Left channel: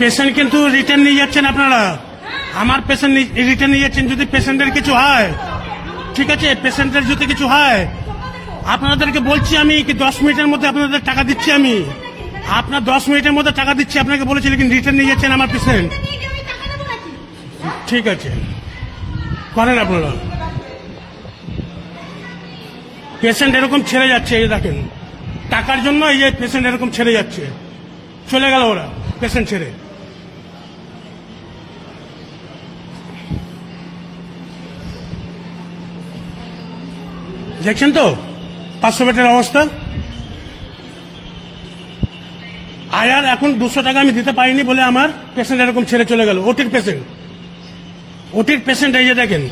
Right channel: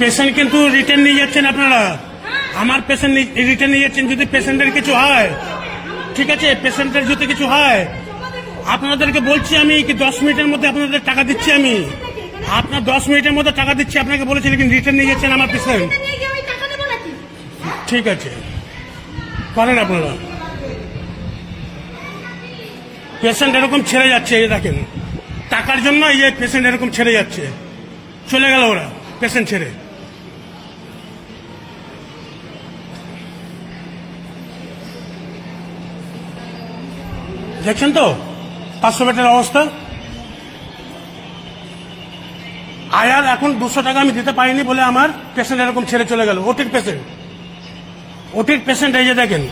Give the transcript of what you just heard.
Patient কিন্তু return নিয়ে যাচ্ছেন আপনারা, আমার পেশেন্ট রিটার্ন নিয়ে যাচ্ছেন। যদি পেশেন্টের কিছু হয়, ঠিক আছে, পেশেন্টের যদি কিছু হয় আপনাদেরকে বলছি আমি কি 10 মিনিটের মধ্যে আপনাদের টাকা দিচ্ছি। আমি আপনার 10 মিনিটের মধ্যে টাকা দিচ্ছি আপনাকে বলেছি, কিন্তু রিটার্ন নিয়ে যাচ্ছেন আমার পেশেন্ট। ঠিক আছে, করেন আপনারা। পেশেন্ট এরকম ছেড়ে যাচ্ছে, এই দেখেন, টাকার জন্য এই যে পেশেন্ট এরকম ছেড়ে যাচ্ছে, চলে গেল ওরা পেশেন্ট ছেড়ে। দেখছেন তো 500 বেডের অবস্থা। আয়ার এখন 200 টাকা আমি দিতে পারিনি বলে আমার পেশেন্ট এরকম ছেড়ে চলে গেল। ওটির পেশেন্ট এই যে দেখেন।